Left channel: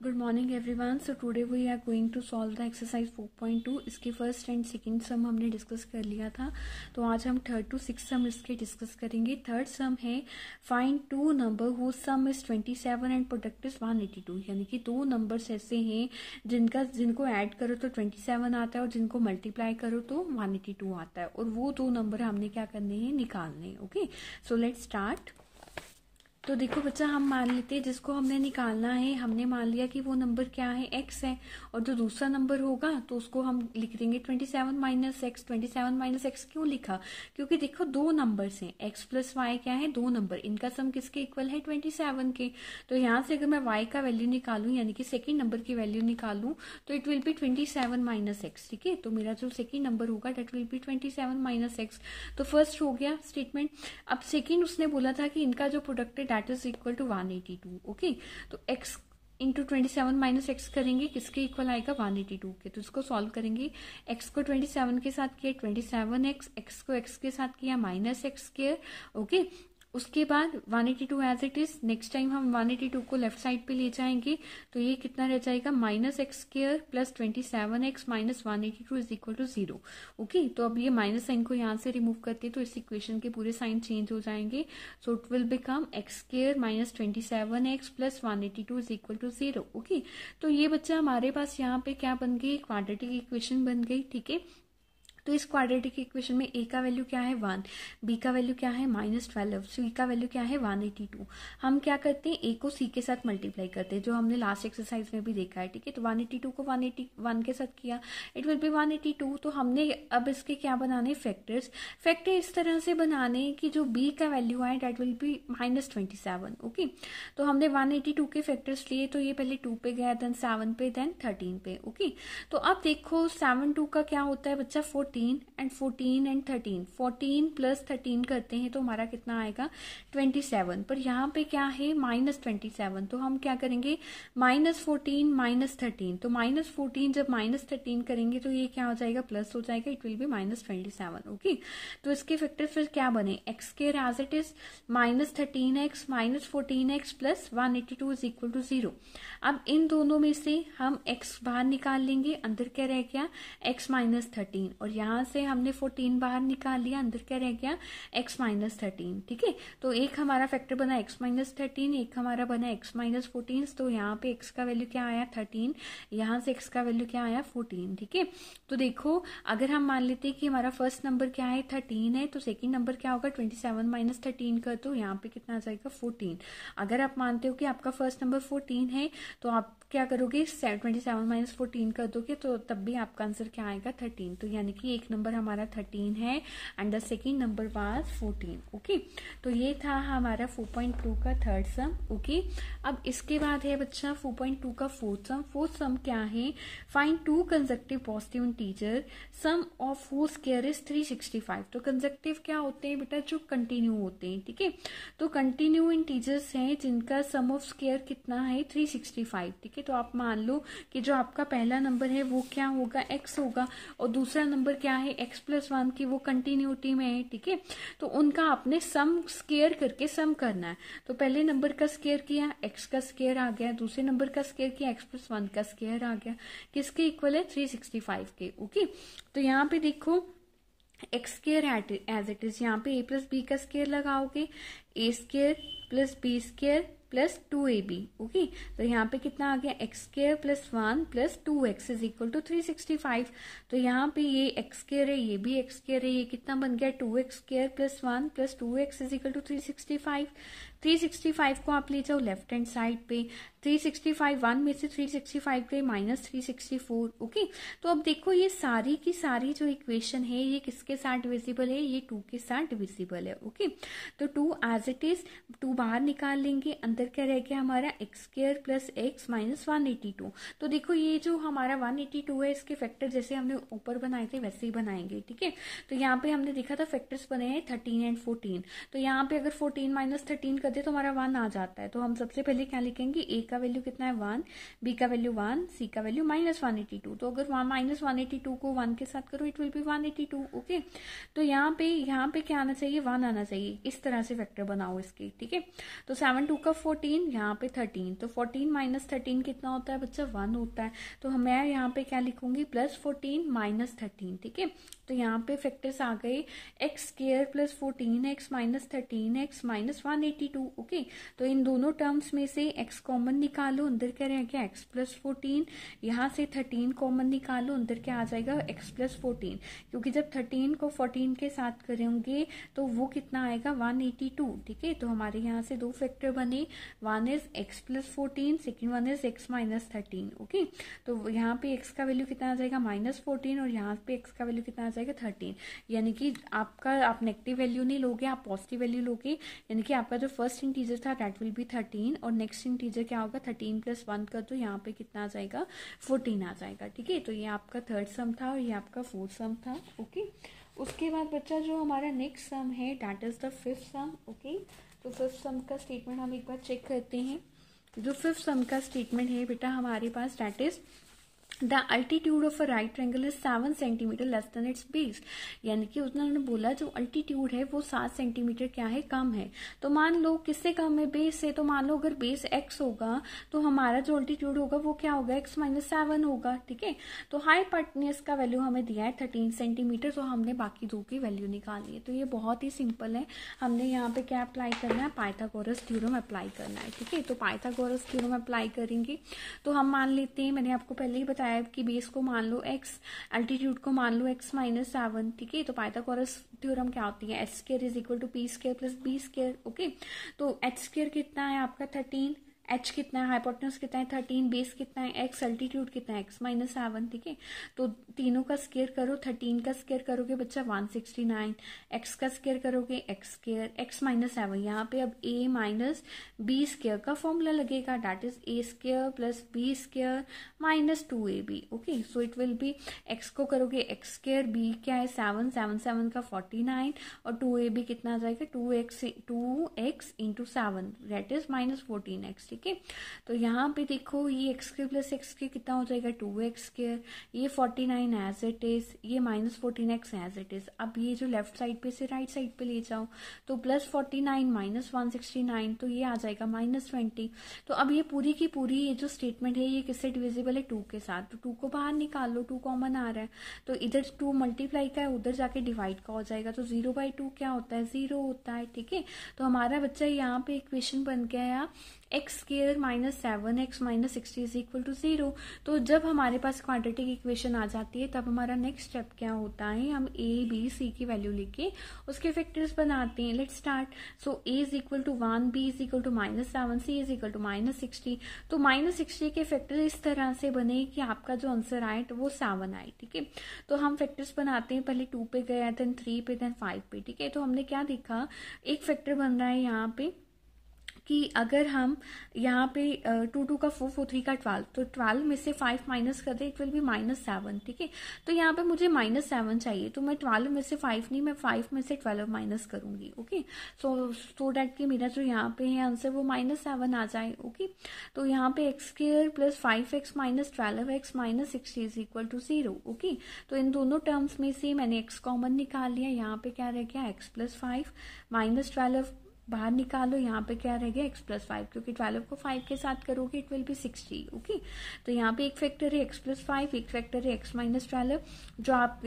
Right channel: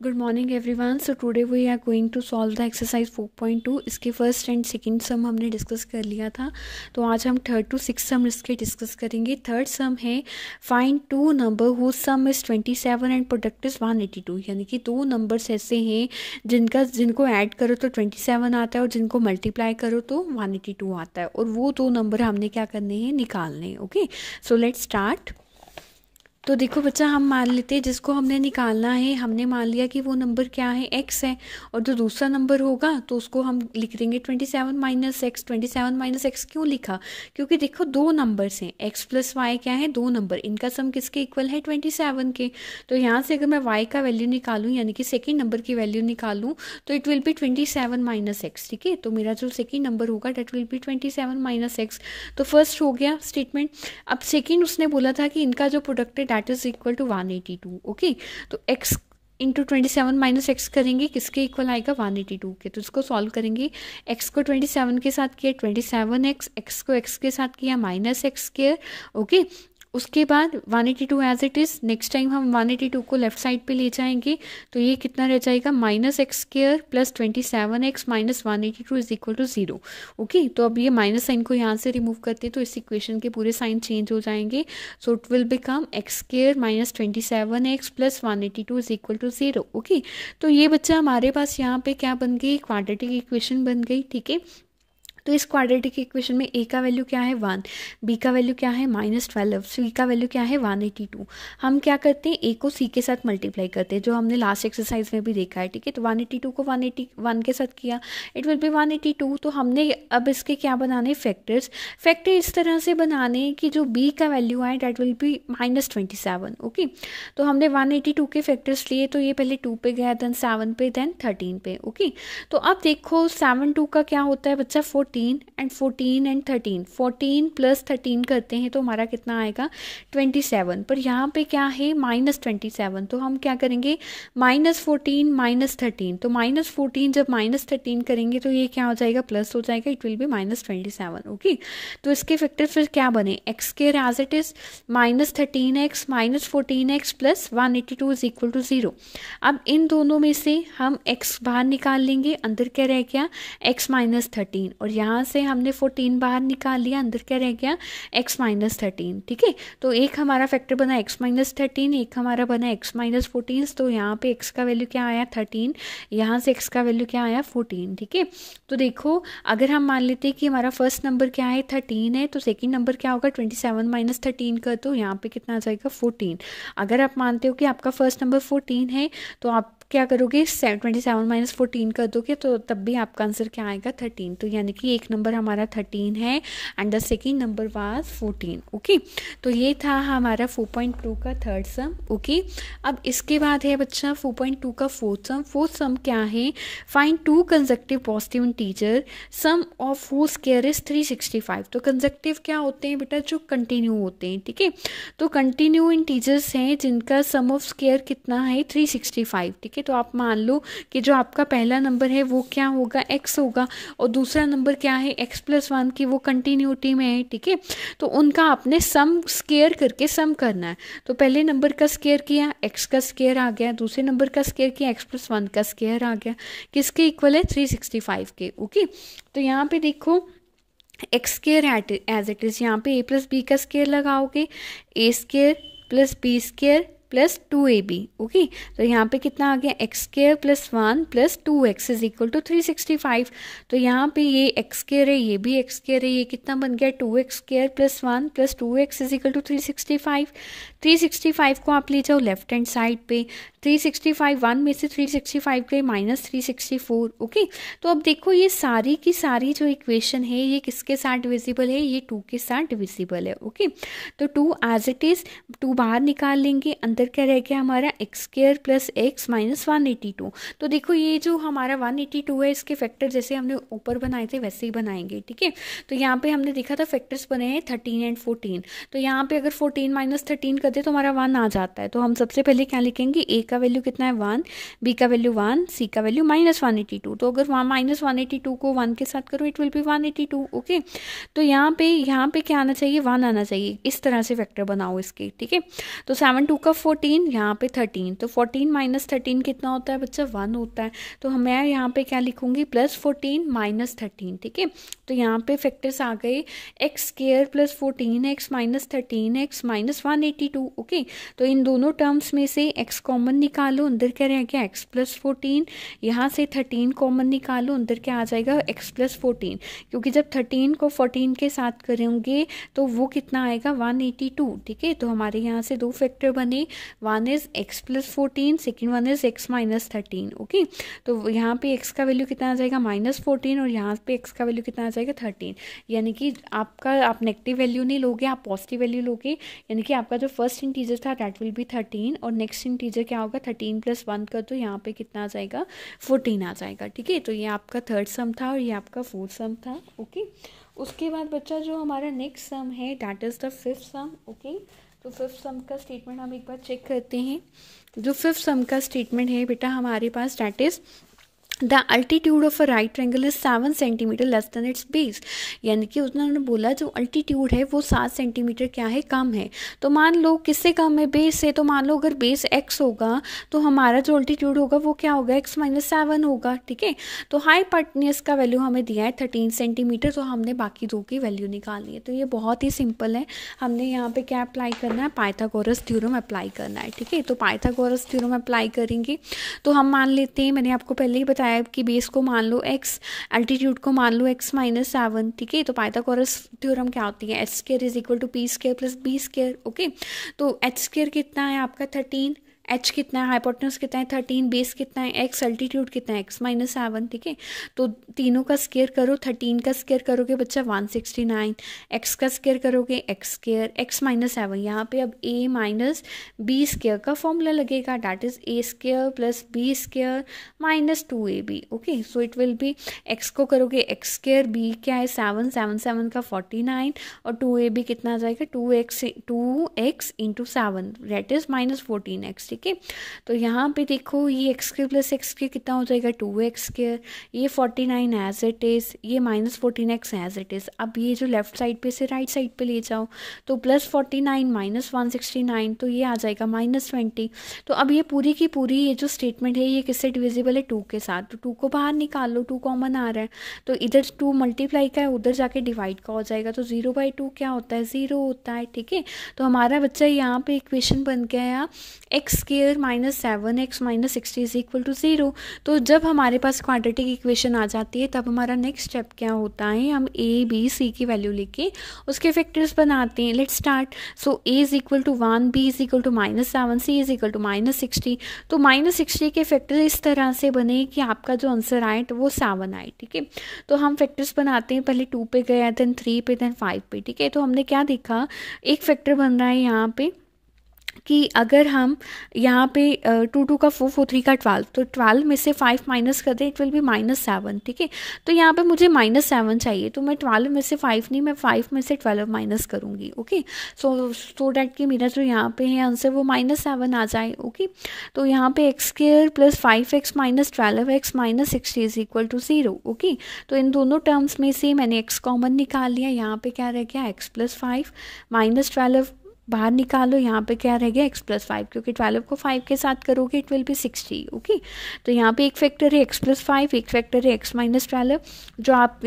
Good morning everyone. So today we are going to solve the exercise 4.2। इसके first and second सम हमने discuss कर लिया था, तो आज हम थर्ड टू सिक्स सम इसके डिस्कस करेंगे। थर्ड सम है find two number whose sum is 27 and product is 182। यानी कि दो नंबर्स ऐसे हैं जिनको ऐड करो तो 27 आता है और जिनको मल्टीप्लाई करो तो 182 आता है, और वो दो नंबर हमने क्या करने हैं, निकालने हैं। Okay, so let's start. तो देखो बच्चा, हम मान लेते हैं जिसको हमने निकालना है, हमने मान लिया कि वो नंबर क्या है, x है, और जो दूसरा नंबर होगा तो उसको हम लिख देंगे 27 माइनस एक्स। 27 माइनस एक्स क्यों लिखा? क्योंकि देखो दो नंबर्स हैं, x प्लस वाई क्या है, दो नंबर, इनका सम किसके इक्वल है, 27 के। तो यहाँ से अगर मैं y का वैल्यू निकालूँ, यानी कि सेकेंड नंबर की वैल्यू निकालूँ, तो it will be 27 minus x. ठीक है, तो मेरा जो सेकेंड नंबर होगा that will be 27 minus x. तो फर्स्ट हो गया स्टेटमेंट। अब सेकेंड उसने बोला था कि इनका जो प्रोडक्ट है that is equal to 182। Okay, तो x इंटू 27 माइनस एक्स करेंगे, किसके इक्वल आएगा, 182 के। तो इसको सॉल्व करेंगे, x को 27 के साथ किया 27x, x को x के साथ किया माइनस एक्स स्क्वायर। ओके, उसके बाद 182 as it is. Next time हम 182 को लेफ्ट साइड पे ले जाएंगे, तो ये कितना रह जाएगा, minus x square plus 27x minus 182 is equal to 0। Okay, तो अब ये माइनस साइन को यहाँ से रिमूव करते हैं तो इस इक्वेशन के पूरे साइन चेंज हो जाएंगे। So it will become x square minus 27x plus 182 is equal to 0। Okay, तो ये बच्चा हमारे पास यहाँ पे क्या बन गई, क्वाड्रेटिक इक्वेशन बन गई। ठीक है, तो इस क्वाड्रेटिक इक्वेशन में a का वैल्यू क्या है 1, b का वैल्यू क्या है -12, c का वैल्यू क्या है 182। हम क्या करते हैं, a को c के साथ मल्टीप्लाई करते हैं, जो हमने लास्ट एक्सरसाइज में भी देखा है। ठीक है, तो 182 को 181 के साथ किया, इट विल बी 182। तो हमने अब इसके क्या बनाने, फैक्टर्स। फैक्टर इस तरह से बनाने कि जो b का वैल्यू आए डेट विल बी -27। ओके, तो हमने 182 के फैक्टर्स लिए, तो ये पहले 2 पे गया, देन 7 पे, देन 13 पे। ओके, तो अब देखो 7 2 का क्या होता है बच्चा, 14 एंड 14 एंड 13, 14 प्लस 13 करते हैं तो हमारा कितना आएगा, 27। पर यहाँ पे क्या है, -27, तो हम क्या करेंगे, -14 -13, तो -14 जब -13 करेंगे तो ये क्या हो जाएगा, प्लस हो जाएगा, इट विल बी -27। ओके, तो इसके फैक्टर फिर क्या बने, x square as it is -13x minus 14x plus 182 is equal to 0। अब इन दोनों में से हम x बाहर निकाल लेंगे, अंदर क्या रह गया, x -13, और यहाँ से हमने 14 बाहर निकाल लिया, अंदर क्या रह गया, x -13। ठीक है, तो एक हमारा फैक्टर बना x -13, एक हमारा बना x -14। तो यहाँ पे x का वैल्यू क्या आया 13, यहाँ से x का वैल्यू क्या आया 14। ठीक है, तो देखो अगर हम मान लेते हैं कि हमारा फर्स्ट नंबर क्या है 13 है, तो सेकेंड नंबर क्या होगा 27 माइनस 13 कर दो, यहाँ पे कितना आ जाएगा 14। अगर आप मानते हो कि आपका फर्स्ट नंबर 14 है, तो आप क्या करोगे, 27 माइनस 14 कर दोगे, तो तब भी आपका आंसर क्या आएगा 13। तो यानी कि एक नंबर हमारा 13 है and the second number was 14। Okay, तो ये था हमारा 4.2 का थर्ड सम। ओके, अब इसके बाद है बच्चा 4.2 का फोर्थ सम। फोर्थ सम क्या है, find two consecutive positive integer sum of who square is 365। तो कंसेक्टिव क्या होते हैं बेटा, जो कंटिन्यू होते हैं। ठीक है, तो कंटिन्यू इंटीजर्स हैं जिनका सम ऑफ स्क्वायर कितना है 365। ठीक है, तो आप मान लो कि जो आपका पहला नंबर है वो क्या होगा, x होगा, और दूसरा नंबर क्या है x+1 की, वो कंटिन्यूटी में है। ठीक है, तो उनका आपने सम स्क्वायर करके सम करना है। तो पहले नंबर का स्क्वायर किया, x का स्क्वायर आ गया, दूसरे नंबर का स्क्वायर किया, x+1 का स्क्वायर आ गया, किसके इक्वल है 365 के। ओके, तो यहाँ पे देखो x square as it is, यहाँ पे a प्लस बी का स्क्वायर लगाओगे, a square plus b square plus 2ab। Okay, तो यहाँ पे कितना आ गया, x square plus 1 plus 2x is equal to 365। तो यहाँ पे ये एक्स स्क्वायर है, ये भी एक्स स्क्वायर है, ये कितना बन गया 2x square plus 1 plus 2x is equal to 365। 365 को आप ले जाओ लेफ्ट हैंड साइड पे, 365 1 में से 365 गए -364। ओके, तो अब देखो ये सारी की सारी जो इक्वेशन है ये किसके साथ डिविजिबल है, ये 2 के साथ डिविजिबल है। ओके, तो 2 एज इट इज़, 2 बाहर निकाल लेंगे, अंदर क्या रह गया हमारा x square plus x minus 182। तो देखो ये जो हमारा 182 है, इसके फैक्टर जैसे हमने ऊपर बनाए थे वैसे ही बनाएंगे। ठीक है, तो यहाँ पे हमने देखा था फैक्टर्स बने हैं 13 एंड 14, तो यहाँ पे अगर 14 माइनस 13 कर दे तो हमारा 1 आ जाता है। तो हम सबसे पहले क्या लिखेंगे, ए का वैल्यू कितना है 1, बी का वैल्यू 1, सी का वैल्यू -182। तो अगर -182 को 1 के साथ करो इट विल बी 182। ओके, तो यहाँ पे क्या आना चाहिए, 1 आना चाहिए। इस तरह से फैक्टर बनाओ इसके, ठीक है। तो 7 2 का 14, यहाँ पे 13, तो 14 - 13 कितना होता है बच्चा, 1 होता है। तो मैं यहाँ पे क्या लिखूंगी, +14 - 13, ठीक है। तो यहाँ पे फैक्टर्स आ गए x² + 14x - 13x - 182। ओके, तो इन दोनों टर्म्स में से x कॉमन निकालो, अंदर क्या रह गया x + 14, यहाँ से 13 कॉमन निकालो, अंदर क्या आ जाएगा x + 14, क्योंकि जब 13 को 14 के साथ करेंगे तो वो कितना आएगा 182, ठीक है। तो हमारे यहाँ से दो फैक्टर बने, one is x + 14, second one is x - 13। Okay, तो यहाँ पे x का वैल्यू कितना आ जाएगा -14 और यहाँ पे x का वैल्यू कितना आ जाएगा 13। यानी कि आप नेगेटिव वैल्यू नहीं लोगे, आप पॉजिटिव वैल्यू लोगे। यानी कि आपका जो फर्स्ट इंटीजर था दैट विल बी 13 और नेक्स्ट इंटीजर क्या होगा 13 + 1 कर दो, यहाँ पे कितना आ जाएगा 14 आ जाएगा, ठीक है। तो ये आपका थर्ड सम था और ये आपका फोर्थ सम था। ओके, उसके बाद बच्चा जो हमारा नेक्स्ट सम है that is the fifth some. Okay, तो फिफ्थ सम का स्टेटमेंट हम एक बार चेक करते हैं। जो फिफ्थ सम का स्टेटमेंट है बेटा हमारे पास that is the altitude of a right triangle is 7 centimetre less than its base. यानी कि उन्होंने बोला जो अल्टीट्यूड है वो 7 सेंटीमीटर क्या है, कम है। तो मान लो किससे कम है, बेस से। तो मान लो अगर बेस x होगा तो हमारा जो अल्टीट्यूड होगा वो क्या होगा, x - 7 होगा, ठीक है। तो हाइपोटेन्यूज का वैल्यू हमें दिया है 13 सेंटीमीटर, तो हमने बाकी दो की वैल्यू निकालनी है। तो ये बहुत ही सिंपल है, हमने यहाँ पे क्या अप्लाई करना है, पाइथागोरस थ्योरम अप्लाई करना है, ठीक है। तो पाइथागोरस थ्योरम अप्लाई करेंगे तो हम मान लेते हैं, मैंने आपको पहले ही बताया कि बेस को मान लो x, एल्टीट्यूड को मान लो x - 7, ठीक है। तो पाइथागोरस थ्योरम क्या होती है, h² = p² + b²। ओके, तो h² कितना है आपका 13, h कितना है, हाइपोटेन्यूज कितना है 13, बेस कितना है x, अल्टीट्यूड कितना है x - 7, ठीक है। तो तीनों का स्क्वायर करो, 13 का स्क्वायर करोगे बच्चा 169, x का स्क्वायर करोगे x², x - 7, यहाँ पे अब a - b² का फॉर्मूला लगेगा that is a² + b² - 2ab। Okay, so it will B x को करोगे x², b क्या है 7, 7 7 का 49 और 2ab कितना आ जाएगा 2x × 7 दैट इज -14x, ठीक है। तो यहाँ पे देखो ये x² + x² कितना हो जाएगा 2x², ये 49 एज इट इज़, ये -14x एज इट इज़। अब ये जो लेफ्ट साइड पे से राइट साइड पे ले जाओ तो +49 - 169, तो ये आ जाएगा -20। तो अब ये पूरी की पूरी ये जो स्टेटमेंट है ये किससे डिविजिबल है 2 के साथ। तो 2 को बाहर निकाल लो, 2 कॉमन आ रहा है तो इधर 2 मल्टीप्लाई का है उधर जाके डिवाइड का हो जाएगा। तो 0/2 क्या होता है 0 होता है, ठीक है। तो हमारा बच्चा यहाँ पे इक्वेशन बन गया x² - 7x - 60 = 0। तो जब हमारे पास क्वाड्रेटिक इक्वेशन आ जाती है तब हमारा नेक्स्ट स्टेप क्या होता है, हम a b c की वैल्यू लेके उसके फैक्टर्स बनाते हैं। Let's start. So a = 1, b = -7, c = -60। तो -60 के फैक्टर इस तरह से बने कि आपका जो आंसर आए तो वो 7 आए, ठीक है। तो हम फैक्टर्स बनाते हैं, पहले 2 पे गया, देन 3 पे, देन 5 पे, ठीक है। तो हमने क्या देखा, एक फैक्टर बन रहा है यहाँ पे कि अगर हम यहाँ पे 2 2 का 4 4 3 का 12, तो 12 में से 5 माइनस कर दें इट विल बी -7, ठीक है। तो यहाँ पे मुझे -7 चाहिए, तो मैं 12 में से 5 नहीं, मैं 5 में से 12 माइनस करूँगी। ओके, सो डैट कि मेरा जो यहाँ पे है आंसर वो -7 आ जाए। ओके, तो यहाँ पे x² + 5x - 12x - 60 = 0। ओके, तो इन दोनों टर्म्स में से मैंने x कॉमन निकाल लिया, यहाँ पे क्या रह गया x + 5 - 12 बाहर निकालो, यहाँ पे क्या रह गया x + 5, क्योंकि 12 को 5 के साथ करोगे इट विल बी 60। ओके, तो यहाँ पे एक फैक्टर है x + 5, एक फैक्टर है x - 12। जो आप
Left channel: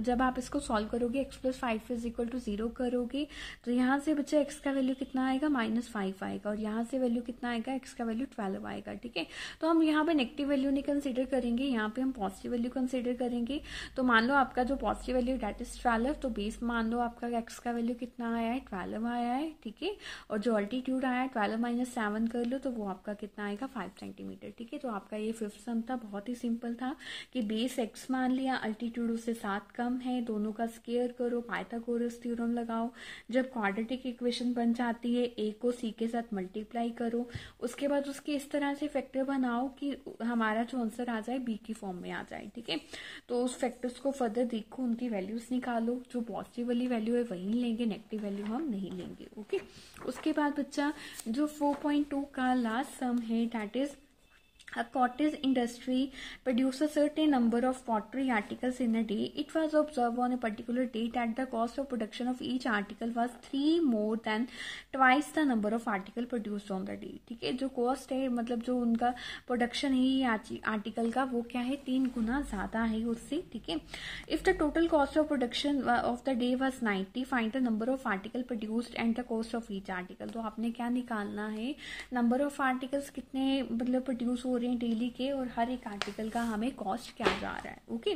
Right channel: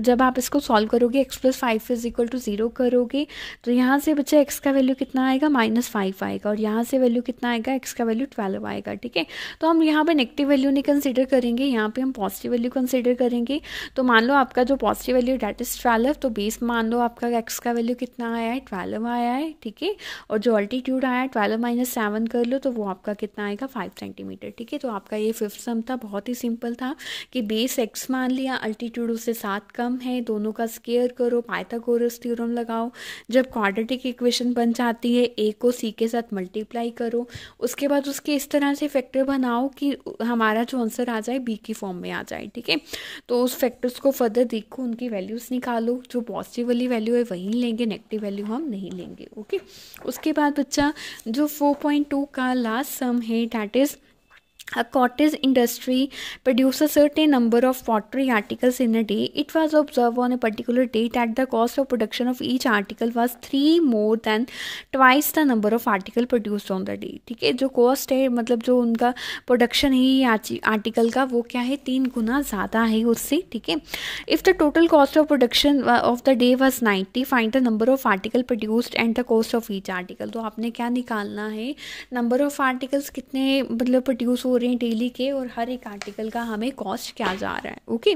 जब आप इसको सॉल्व करोगे x + 5 = 0 करोगे तो यहाँ से बच्चा x का वैल्यू कितना आएगा -5 आएगा और यहाँ से वैल्यू कितना आएगा x का वैल्यू 12 आएगा, ठीक है। तो हम यहाँ पे नेगेटिव वैल्यू नहीं कंसिडर करेंगे, यहाँ पे हम पॉजिटिव वैल्यू कंसिडर करेंगे। तो मान लो आपका जो पॉजिटिव वैल्यू दैट इज 12, तो बेस मान लो आपका x का वैल्यू कितना आया है 12 आया है, ठीक है। और जो अल्टीट्यूड आया 12 - 7 कर लो तो वो आपका कितना आएगा 5 सेंटीमीटर, ठीक है। तो आपका ये फिफ्थ सम था, बहुत ही सिंपल था कि बेस x मान लिया, अल्टीट्यूड उससे 7 कम है, दोनों का स्क्वायर करो, पाइथागोरस थ्योरम लगाओ। जब क्वाड्रेटिक इक्वेशन बन जाती है a को c के साथ मल्टीप्लाई करो, उसके बाद उसके इस तरह से फैक्टर बनाओ कि हमारा जो आंसर आ जाए b की फॉर्म में आ जाए, ठीक है। तो उस फैक्टर्स को फर्दर देखो, उनकी वैल्यूज़ निकालो, जो पॉजिटिव वाली वैल्यू है वही लेंगे, नेगेटिव वैल्यू हम नहीं लेंगे। ओके, उसके बाद बच्चा जो 4.2 का लास्ट सम है that is a cottage industry produces a certain number of pottery articles in a day. It was observed on a particular date that the cost of production of each article was 3 more than twice the number of article produced on the day. ठीक है, जो cost है मतलब जो उनका production है article का वो क्या है 3 गुना ज़्यादा है उससे. ठीक है, if the total cost of production of the day was 90, find the number of article produced and the cost of each article. तो आपने क्या निकालना है, नंबर ऑफ आर्टिकल्स कितने मतलब प्रोड्यूस हो रहे हैं डेली के और हर एक आर्टिकल का हमें कॉस्ट क्या जा रहा है. ओके,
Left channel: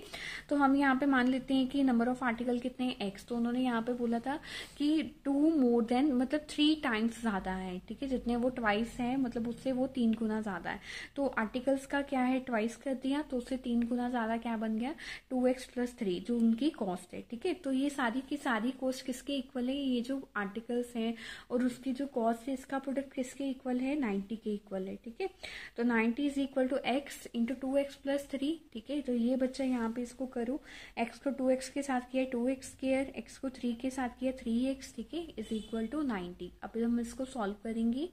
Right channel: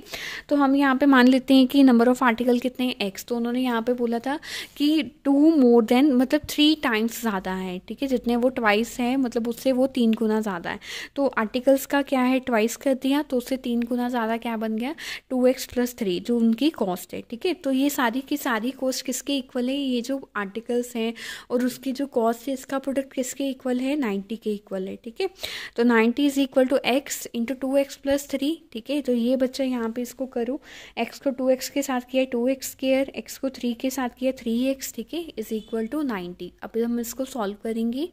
तो हम यहाँ पे मान लेते हैं कि नंबर ऑफ आर्टिकल कितने हैं एक्स. तो उन्होंने यहाँ पे बोला था कि 2 मोर देन मतलब 3 टाइम्स ज़्यादा है. ठीक है, जितने वो ट्वाइस है मतलब उससे वो 3 गुना ज़्यादा है. तो आर्टिकल्स का क्या है ट्वाइस कर दिया तो उससे 3 गुना ज़्यादा क्या बन गया 2x + 3 जो उनकी कॉस्ट है. ठीक है, तो ये सारी की सारी कॉस्ट किसके इक्वल है, ये जो आर्टिकल्स हैं और उसकी जो कॉस्ट है इसका प्रोडक्ट किसके इक्वल है 90 के इक्वल है. ठीक है, तो 90 is equal to x into 2x + 3. ठीक है, तो ये बच्चा यहाँ पे इसको करो, x को 2x के साथ किया 2x², x को 3 के साथ किया 3x. ठीक है, इज इक्वल टू 90. अभी हम इसको सॉल्व करेंगे.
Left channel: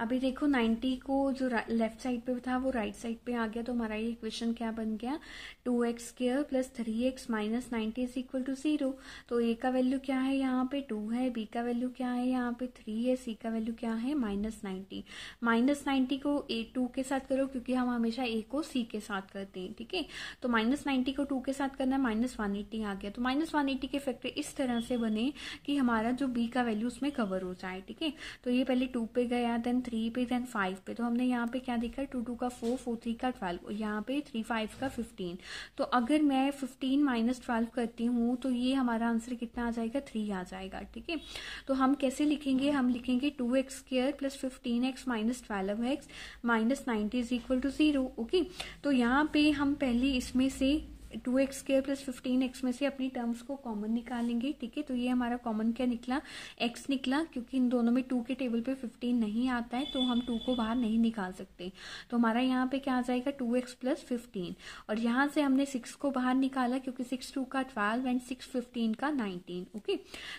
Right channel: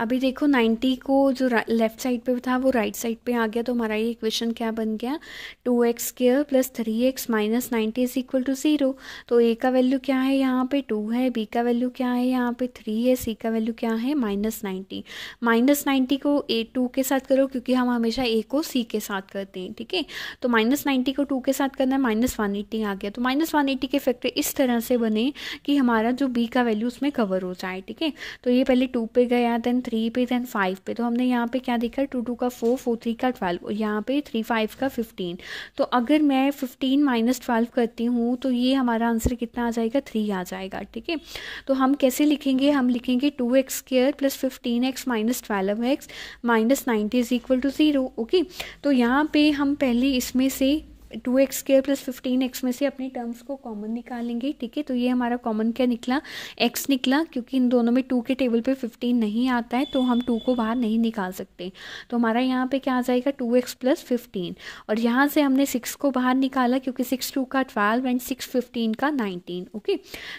अभी देखो 90 को जो लेफ्ट साइड पे था वो राइट साइड पे आ गया. तो हमारा ये इक्वेशन क्या बन गया 2x² + 3x - 90 is equal to 0. तो a का वैल्यू क्या है यहाँ पे 2 है, b का वैल्यू क्या है यहाँ पे 3 है, c का वैल्यू क्या है -90. -90 को a2 के साथ करो क्योंकि हम हमेशा a को c के साथ करते हैं. ठीक है, तो -90 को 2 के साथ करना है -180 आ गया. तो -180 के फैक्टर इस तरह से बने कि हमारा जो b का वैल्यू उसमें कवर हो जाए. ठीक है, तो ये पहले 2 पे गया देन 3 पे देन 5 पे. तो हमने यहाँ पे क्या देखा 2 2 का 4 4 3 का 12 और यहाँ पे 3 5 का 15. तो अगर मैं 15 - 12 करती हूँ तो ये हमारा आंसर कितना आ जाएगा 3 आ जाएगा. ठीक है, तो हम कैसे लिखेंगे, हम लिखेंगे 2x² + 15x - 12x - 90 is equal to 0. Okay, तो यहाँ पे हम पहले इसमें से 2x² + 15x में से अपनी टर्म्स को कॉमन निकालेंगे. ठीक है, तो ये हमारा कॉमन क्या निकला x निकला क्योंकि इन दोनों में 2 के टेबल पे 15 नहीं आता है तो हम 2 को बाहर नहीं निकाल सकते. तो हमारा यहाँ पे क्या आ जाएगा 2x + 15 और यहाँ से हमने 6 को बाहर निकाला क्योंकि 6 2 का 12 एंड 6 15 का 19. ओके,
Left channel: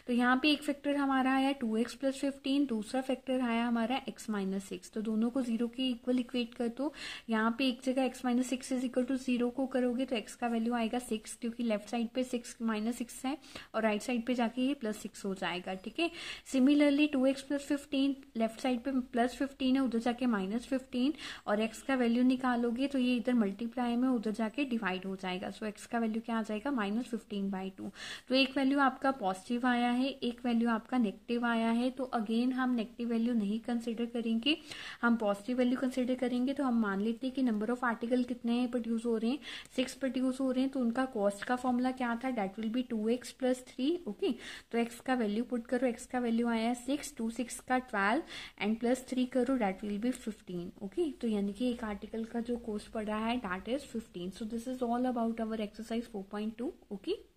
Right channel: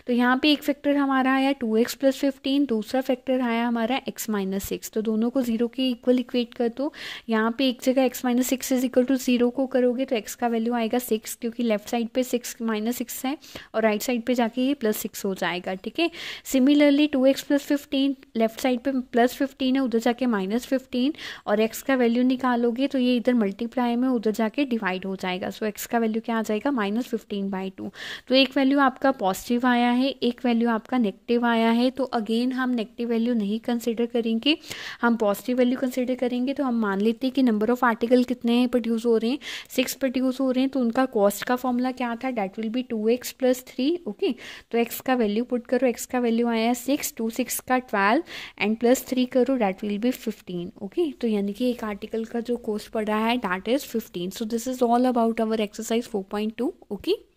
तो यहाँ पे एक फैक्टर हमारा आया 2x + 15, दूसरा फैक्टर आया हमारा x - 6. तो दोनों को 0 के इक्वल इक्वेट कर दो. यहाँ पे एक जगह x - 6 इज इक्वल टू 0 को करोगे तो x का वैल्यू आएगा 6 क्योंकि लेफ्ट साइड पे 6 - 6 है और राइट साइड पे जाके ये +6 हो जाएगा. ठीक है, सिमिलरली 2x + 15 लेफ्ट साइड पे +15 है उधर जाके -15 और x का वैल्यू निकालोगे तो ये इधर मल्टीप्लाई में उधर जाके डिवाइड हो जाएगा. सो x का वैल्यू क्या आ जाएगा -15/2. तो एक वैल्यू आपका पॉजिटिव आया है, एक वैल्यू आपका नेगेटिव आया है. तो अगेन हम नेगेटिव वैल्यू नहीं कंसिडर करेंगे, हम पॉजिटिव वैल्यू कंसिडर करेंगे. तो हम मान लेते हैं कि नंबर ऑफ आर्टिकल कितने प्रोड्यूस हो रहे हैं 6 प्रोड्यूस हो रहे हैं. तो उनका कॉस्ट का फॉर्मूला क्या था that will be 2x + 3. Okay, तो x का वैल्यू पुट करो, x का वैल्यू आया 6, 2 6 का 12 एंड +3 करो डैट विल बी 15. ओके, तो यानी कि एक आर्टिकल का जो कॉस्ट पड़ रहा है that is 15. So this is all about our exercise 4.2. Okay.